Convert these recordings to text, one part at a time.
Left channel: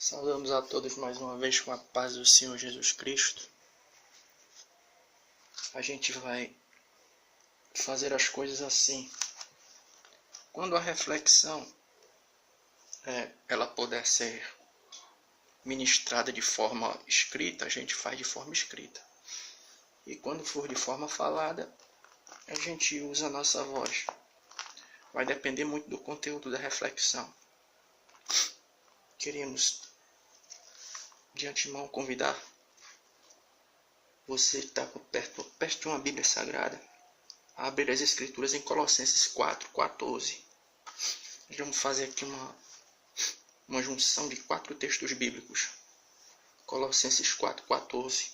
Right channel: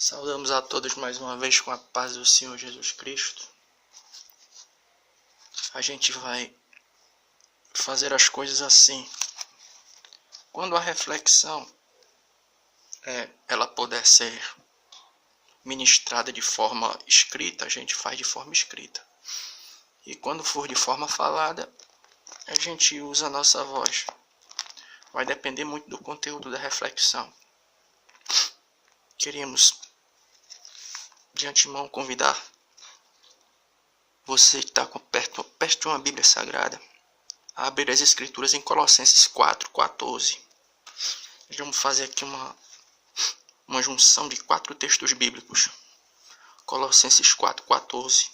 Saudamos a todos mais uma vez com a paz do Senhor Jesus Cristo. A gente vai fazer as coisas assim. Quando a reflexão ela puder ser ministrada de forma escrita, a gente faz de forma escrita. E quando for de forma falada, a gente usa a nossa voz. Vai depender muito do conteúdo da reflexão. Queríamos de antemão convidar você que está perto de uma Bíblia Sagrada a abrir as Escrituras em Colossenses 4:14. Vamos fazer aqui uma junção de 4 textos bíblicos. Colossenses 4:14.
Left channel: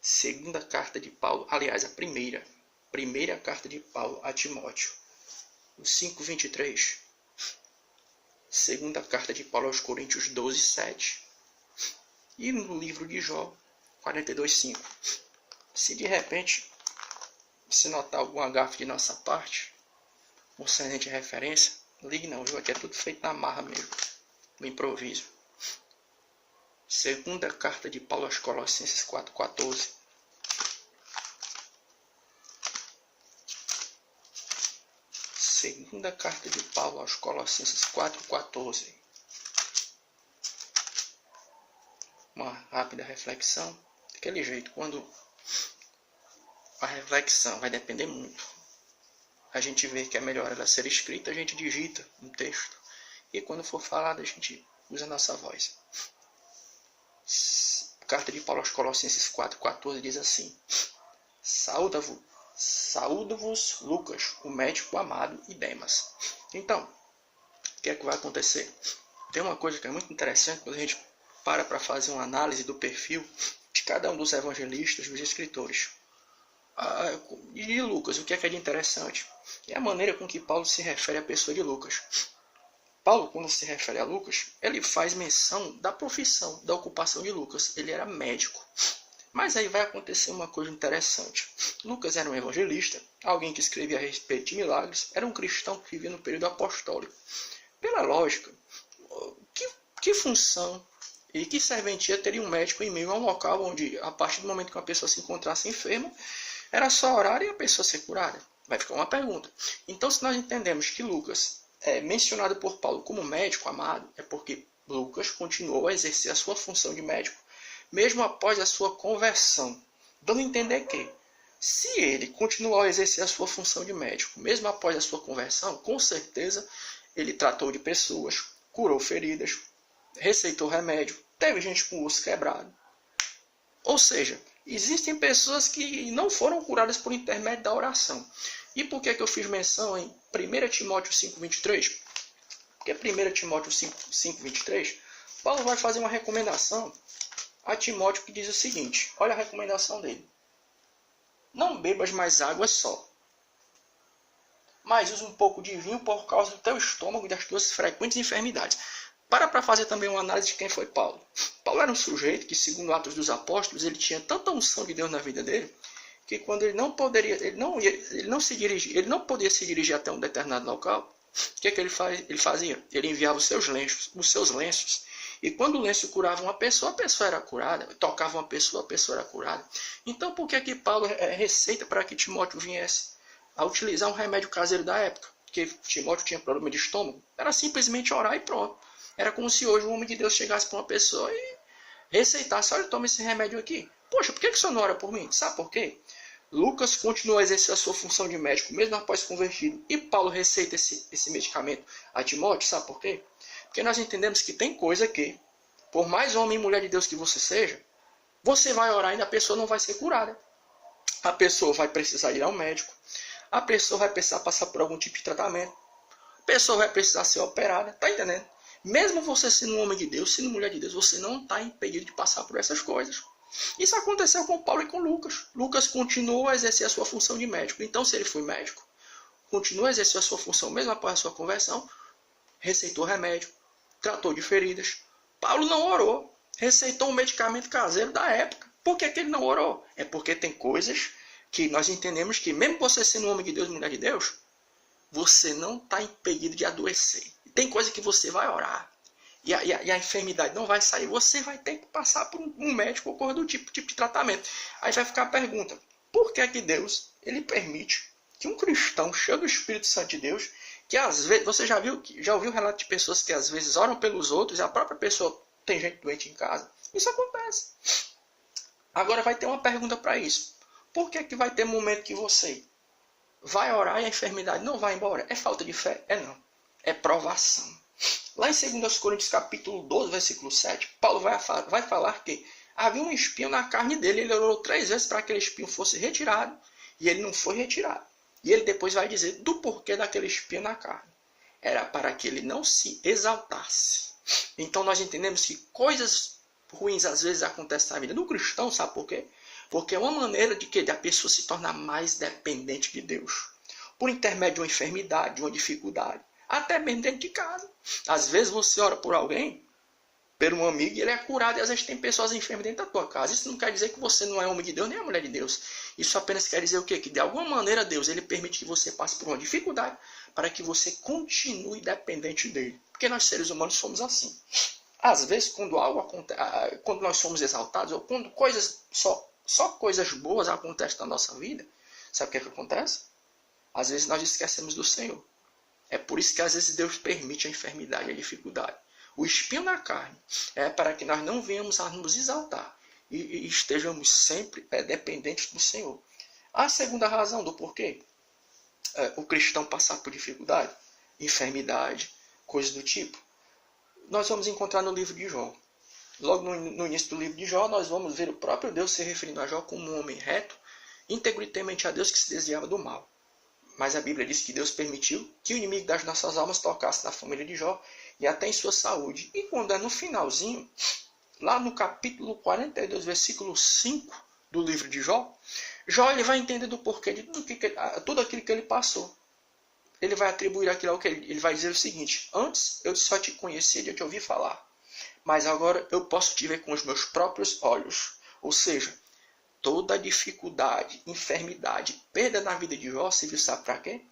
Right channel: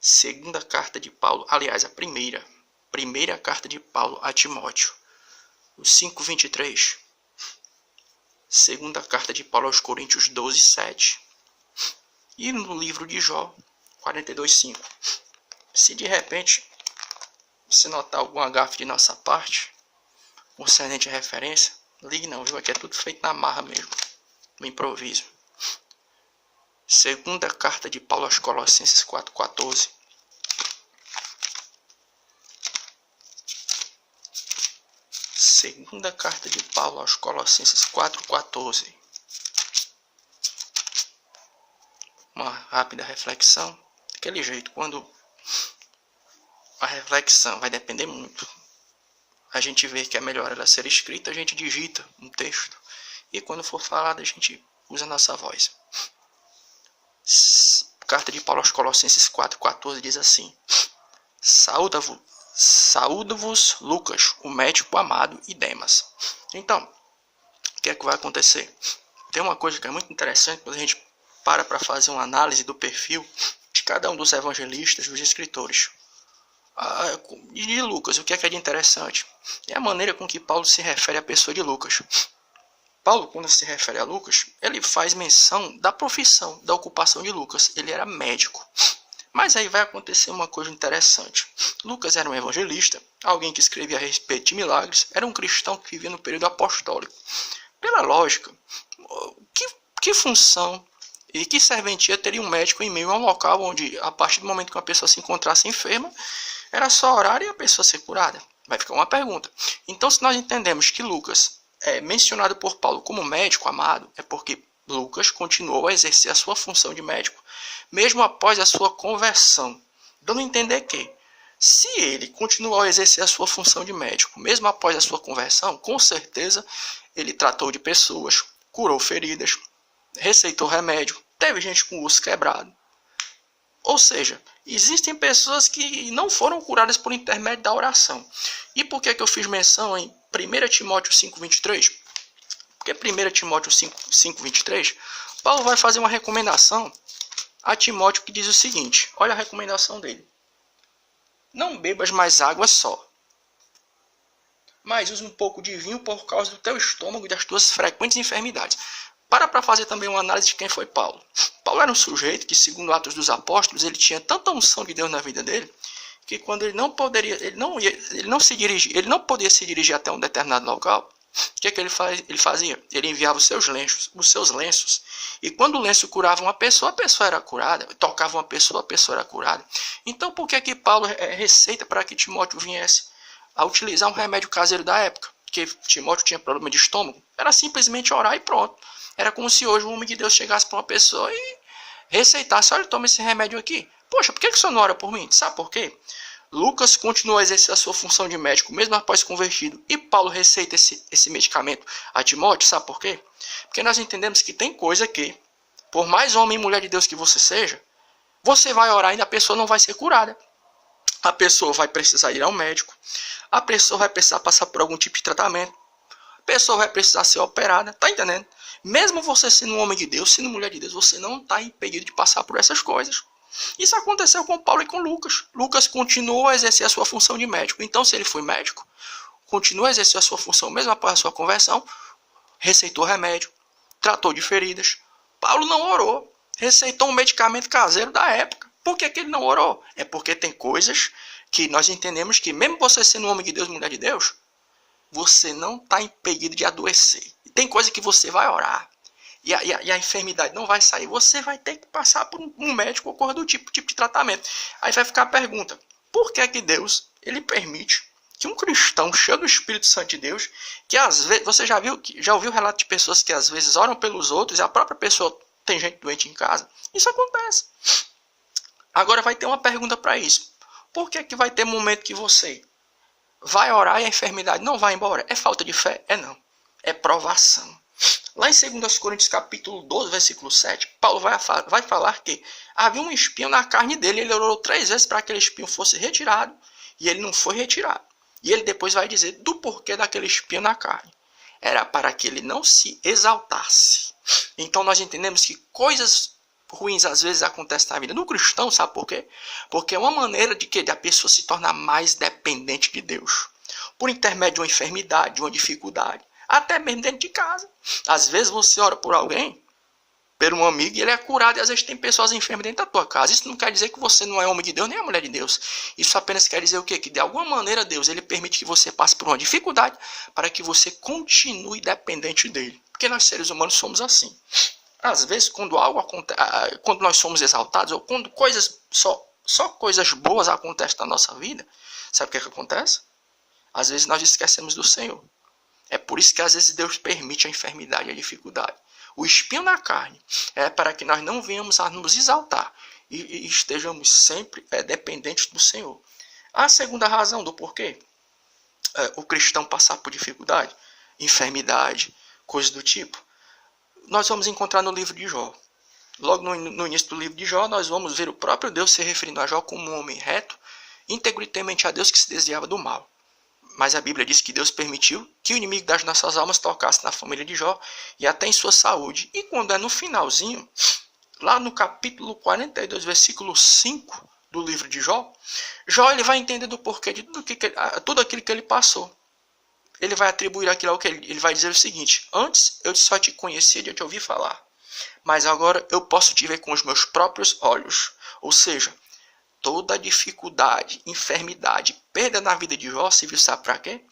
Segunda carta de Paulo, aliás, a primeira carta de Paulo a Timóteo. O 5:23. Segunda carta de Paulo aos Coríntios 12:7. E no livro de Jó 42:5. Se de repente você notar alguma gafe de nossa parte, concernente à referência, ligue não, viu? Aqui é tudo feito na marra mesmo, no improviso. Segunda carta de Paulo aos Colossenses 4:14. Segunda carta de Paulo aos Colossenses 4:14. Uma rápida reflexão. Daquele jeito, quando a reflexão vai depender muito, a gente vê que é melhor ela ser escrita, a gente digita um texto. E quando for falada, a gente usa a nossa voz. Carta de Paulo aos Colossenses 4:14 diz assim: Saúdo-vos Lucas, o médico amado, e Demas. Então, o que é que vai acontecer? Tem uma coisa que é muito interessante quando a gente para fazer uma análise do perfil de cada um dos evangelistas, dos escritores. E de Lucas, o que é de interessante? É a maneira com que Paulo se refere à pessoa de Lucas. Paulo, quando se refere a Lucas, ele faz menção da profissão, da ocupação de Lucas. Ele era médico. Mas aí vai acontecer uma coisa interessante. Lucas era um evangelista, alguém que escrevia a respeito de milagres, era um cristão que vivia no período apostólico. Pela lógica, que função e que serventia teria um médico em meio a um local onde, a partir do momento que uma pessoa se encontrasse enferma, era só orar e a pessoa ser curada? Vai ficar uma pergunta. Então, se nós entendemos que Lucas é mencionado por Paulo como médico amado, é porque Lucas continuou a exercer a sua função de médico, mesmo após a sua conversão, dando a entender que, se ele continuou a exercer a sua função de médico, mesmo após a sua conversão, com certeza ele tratou de pessoas, curou feridas, receitou remédio, teve gente com o osso quebrado. Ou seja, existem pessoas que não foram curadas por intermédio da oração. E por que eu fiz menção em 1 Timóteo 5:23? Porque 1 Timóteo 5:23, Paulo vai fazer uma recomendação a Timóteo que diz o seguinte, olha a recomendação dele: não bebas mais água só, mas use um pouco de vinho por causa do teu estômago e das tuas frequentes enfermidades. Para fazer também uma análise de quem foi Paulo. Paulo era um sujeito que, segundo Atos dos Apóstolos, ele tinha tanta unção de Deus na vida dele, que quando ele não podia se dirigir até um determinado local, o que ele fazia? Ele enviava os seus lenços, e quando o lenço curava uma pessoa, a pessoa era curada, tocava uma pessoa, a pessoa era curada. Então, por que Paulo receita para que Timóteo viesse a utilizar um remédio caseiro da época? Porque Timóteo tinha problema de estômago, era simplesmente orar e pronto. Era como se hoje um homem de Deus chegasse para uma pessoa e receitasse: olha, toma esse remédio aqui. Poxa, por que o senhor não ora por mim? Sabe por quê? Lucas continuou a exercer a sua função de médico, mesmo após convertido. E Paulo receita esse medicamento a Timóteo, sabe por quê? Porque nós entendemos que tem coisa que, por mais homem e mulher de Deus que você seja, você vai orar e a pessoa não vai ser curada. A pessoa vai precisar ir ao médico. A pessoa vai precisar passar por algum tipo de tratamento. A pessoa vai precisar ser operada. Tá entendendo? Mesmo você sendo um homem de Deus, sendo mulher de Deus, você não está impedido de passar por essas coisas. Isso aconteceu com Paulo e com Lucas. Lucas continuou a exercer a sua função de médico. Então, se ele foi médico, continuou a exercer a sua função mesmo após a sua conversão, receitou remédio, tratou de feridas. Paulo não orou, receitou um medicamento caseiro da época. Por que ele não orou? É porque tem coisas que nós entendemos que, mesmo você sendo um homem de Deus, mulher de Deus, você não está impedido de adoecer. Tem coisa que você vai orar e a enfermidade não vai sair, você vai ter que passar por um médico ou coisa do tipo de tratamento. Aí vai ficar a pergunta, por que que Deus ele permite que um cristão cheio do Espírito Santo de Deus, que às vezes, você já ouviu relato de pessoas que às vezes oram pelos outros e a própria pessoa tem gente doente em casa? Isso acontece. Agora vai ter uma pergunta para isso. Por que que vai ter momento que você vai orar e a enfermidade não vai embora? É falta de fé? É não. É provação. Lá em 2 Coríntios capítulo 12, versículo 7, Paulo vai falar que havia um espinho na carne dele, ele orou 3 vezes para que aquele espinho fosse retirado, e ele não foi retirado. E ele depois vai dizer do porquê daquele espinho na carne. Era para que ele não se exaltasse. Então nós entendemos que coisas ruins às vezes acontecem na vida do cristão, sabe por quê? Porque é uma maneira de que a pessoa se tornar mais dependente de Deus. Por intermédio de uma enfermidade, de uma dificuldade. Até mesmo dentro de casa. Às vezes você ora por alguém, por um amigo, e ele é curado, e às vezes tem pessoas enfermas dentro da tua casa. Isso não quer dizer que você não é homem de Deus, nem é mulher de Deus. Isso apenas quer dizer o quê? Que de alguma maneira Deus ele permite que você passe por uma dificuldade para que você continue dependente dele. Porque nós seres humanos somos assim. Às vezes, quando nós somos exaltados, ou quando só coisas boas acontecem na nossa vida, sabe o que acontece? Às vezes nós esquecemos do Senhor. É por isso que às vezes Deus permite a enfermidade e a dificuldade. O espinho na carne é para que nós não venhamos a nos exaltar e estejamos sempre dependentes do Senhor. A segunda razão do porquê o cristão passar por dificuldade, enfermidade, coisas do tipo, nós vamos encontrar no livro de Jó. Logo no início do livro de Jó, nós vamos ver o próprio Deus se referindo a Jó como um homem reto, íntegro e temente a Deus que se desviava do mal. Mas a Bíblia diz que Deus permitiu que o inimigo das nossas almas tocasse na família de Jó e até em sua saúde. E quando é no finalzinho, lá no capítulo 42, versículo 5 do livro de Jó, Jó ele vai entender do porquê de tudo aquilo que ele passou. Ele vai atribuir aquilo ao que ele vai dizer o seguinte: antes eu só te conhecia de eu te ouvir falar, mas agora eu posso te ver com os meus próprios olhos. Ou seja, toda a dificuldade, enfermidade, perda na vida de Jó serviu, sabe para quê?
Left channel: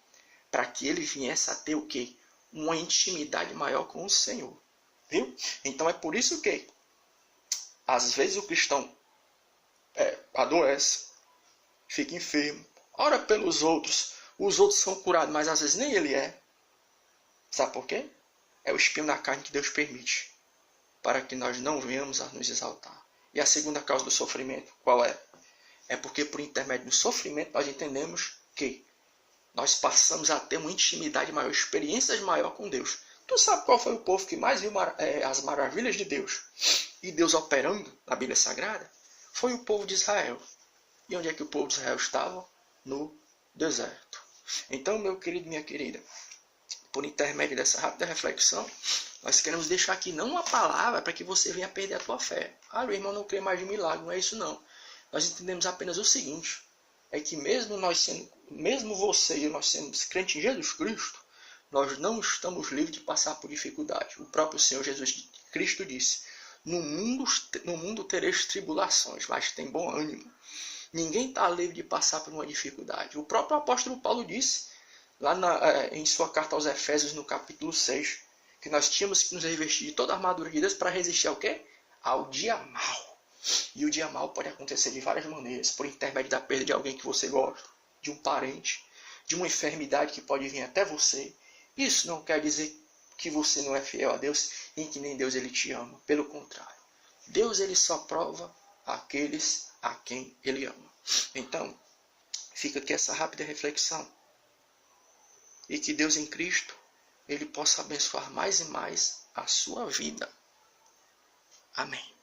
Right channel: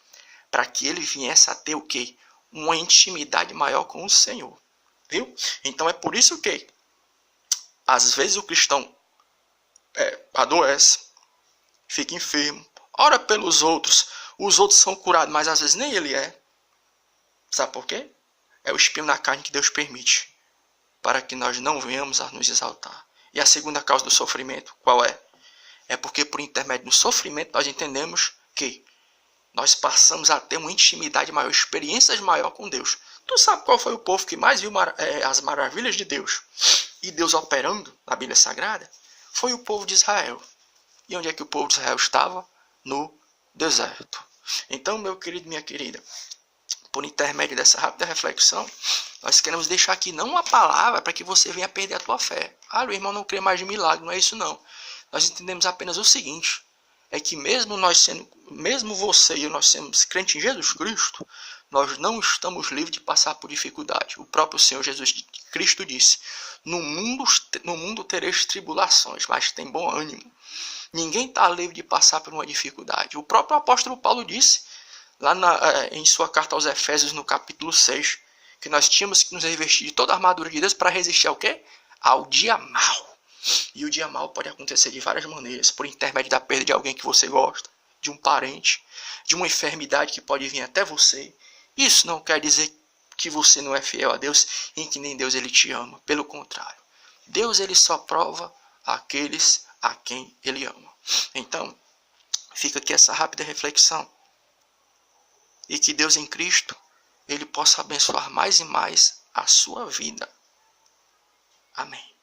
Para que ele viesse a ter o quê? Uma intimidade maior com o Senhor. Viu? Então é por isso que às vezes o cristão adoece, fica enfermo, ora pelos outros, os outros são curados, mas às vezes nem ele é. Sabe por quê? É o espinho na carne que Deus permite, para que nós não venhamos a nos exaltar. E a segunda causa do sofrimento, qual é? É porque por intermédio do sofrimento nós entendemos que nós passamos a ter uma intimidade maior, experiências maior com Deus. Tu sabe qual foi o povo que mais viu as maravilhas de Deus e Deus operando na Bíblia Sagrada? Foi o povo de Israel. E onde é que o povo de Israel estava? No deserto. Então, meu querido, minha querida, por intermédio dessa rápida reflexão, nós queremos deixar aqui não uma palavra para que você venha perder a tua fé. Ah, o irmão não crê mais de milagre, não é isso não. Nós entendemos apenas o seguinte, é que mesmo você e eu nós sendo crentes em Jesus Cristo, nós não estamos livres de passar por dificuldade. O próprio Senhor Jesus Cristo disse, no mundo tereis tribulações, mas tem bom ânimo. Ninguém está livre de passar por uma dificuldade. O próprio apóstolo Paulo disse, lá em sua carta aos Efésios, no capítulo 6, que nós tínhamos que nos revestir de toda a armadura de Deus para resistir ao quê? Ao dia mau. E o dia mau pode acontecer de várias maneiras, por intermédio da perda de alguém que você gosta, de um parente, de uma enfermidade que pode vir até você. Isso não quer dizer que você não é fiel a Deus e que nem Deus ele te ama. Pelo contrário, Deus ele só prova aqueles a quem ele ama. Então, fica aqui essa rápida reflexão. E que Deus em Cristo, ele possa abençoar mais e mais a sua vida. Amém.